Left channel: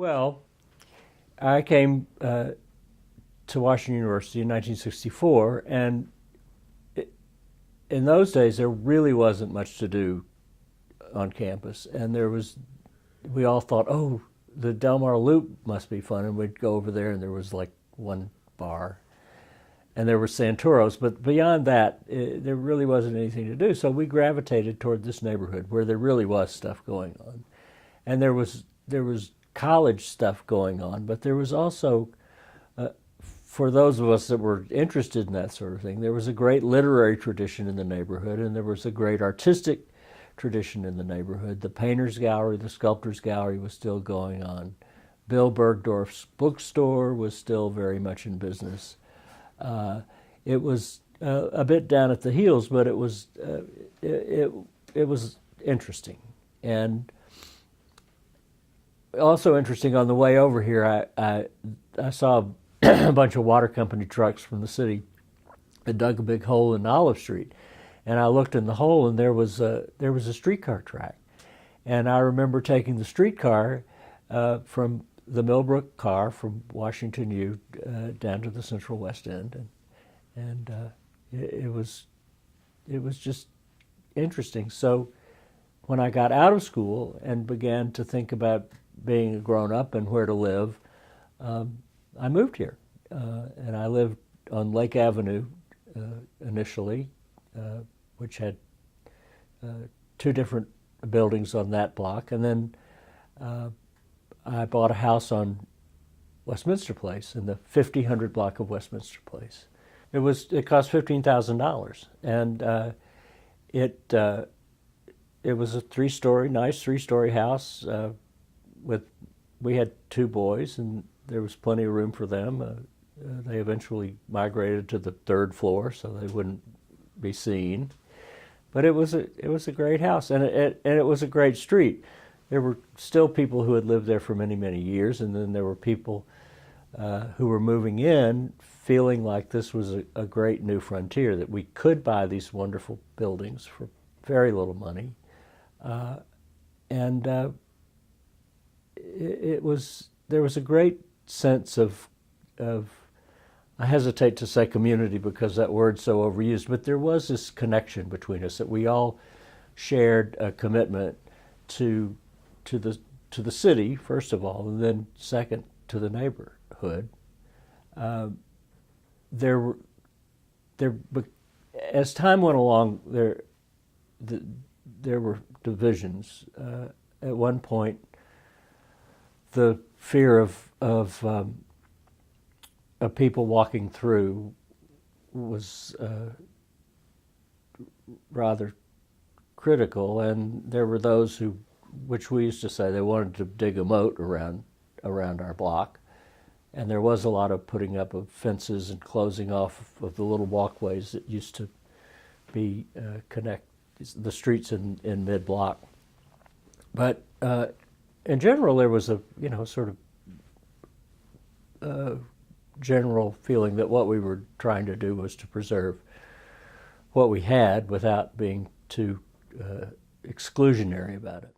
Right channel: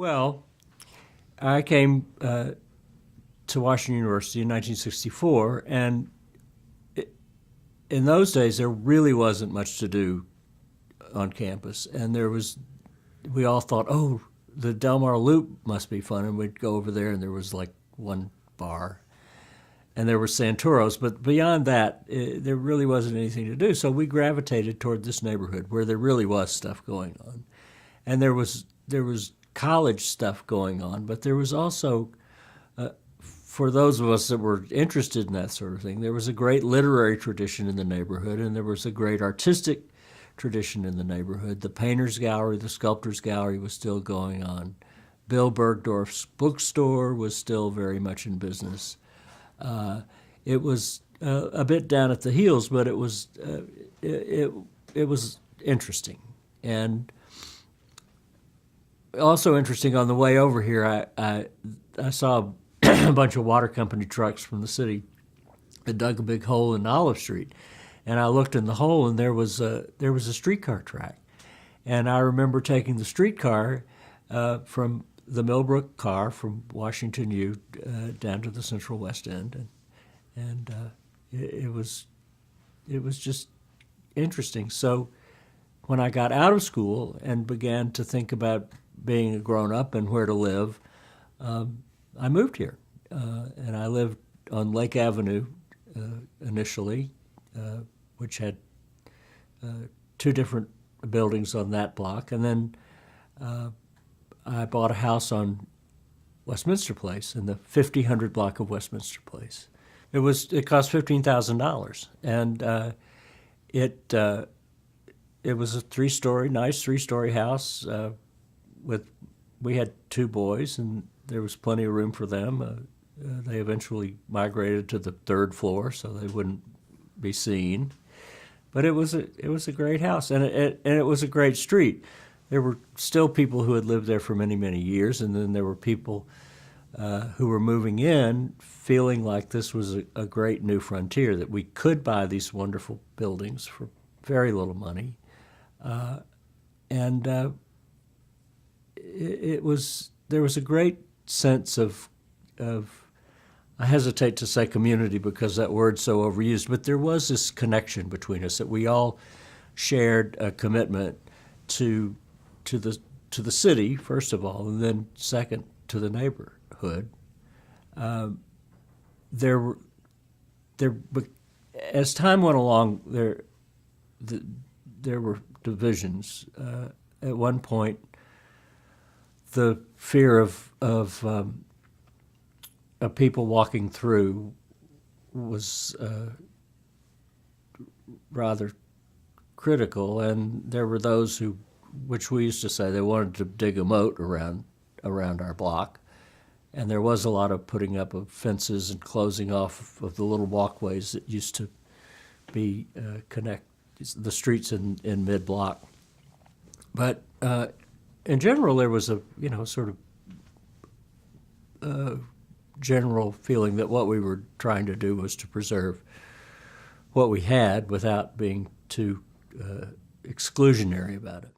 Well, I came to Washington University in 1964, and in those days there really wasn't much to do on campus, and we all thought, oh, the Del Mar Loop must be fun, and we'd go over there, and there was like one bar, and there were Santoros, but beyond that, there really wasn't anything to do. So we gravitated toward this neighborhood where there really was stuff going on, and there was college stuff going on, but there was also, for those of us that were interested in that sort of thing, there was a great literary tradition in the neighborhood, and there was a great artistic tradition in the neighborhood. The Painters Gallery, the Sculptors Gallery was still going on. Bill Bergdorf's bookstore was still very much in business. It was a bit down at the heels, but it was interesting. And also interesting, on the way over here, I saw a bunch of water company trucks from the city that dug a big hole in Olive Street. And I looked in the hole, and there was a streetcar track. And I remember taking the streetcar from the Millbrook car from Washington U down to the Central West End, and it was just interesting. So when I got out of school and began to think about being a grown-up and where to live, I moved here, and I lived on Lake Avenue initially, which had two different buildings on that block, and then I bought a house on Westminster Place, in the 5000 block of Westminster Place. It cost $15,000, and it was a nice three-story house. We had two boys, and there was plenty of room for them. They eventually migrated to the third floor, so they wouldn't be seen. But it was a great house, and it was a great street. There were still people who had lived there for many, many years, and then there were people who were moving in feeling like this was a great new frontier, that we could buy these wonderful buildings for very little money. There was a great sense of I hesitate to say community because that word's so overused, but there was this connection between us, that we all shared a commitment to the city, first of all, and then second to the neighborhood. As time went along, there were divisions. At one point, the fear of people walking through was rather critical, and there were those who, which we used to say, they wanted to dig a moat around our block, and there was a lot of putting up of fences and closing off of the little walkways that used to be connect the streets in mid-block. But in general, there was a sort of general feeling that what we were trying to do was to preserve what we had without being too exclusionary about it.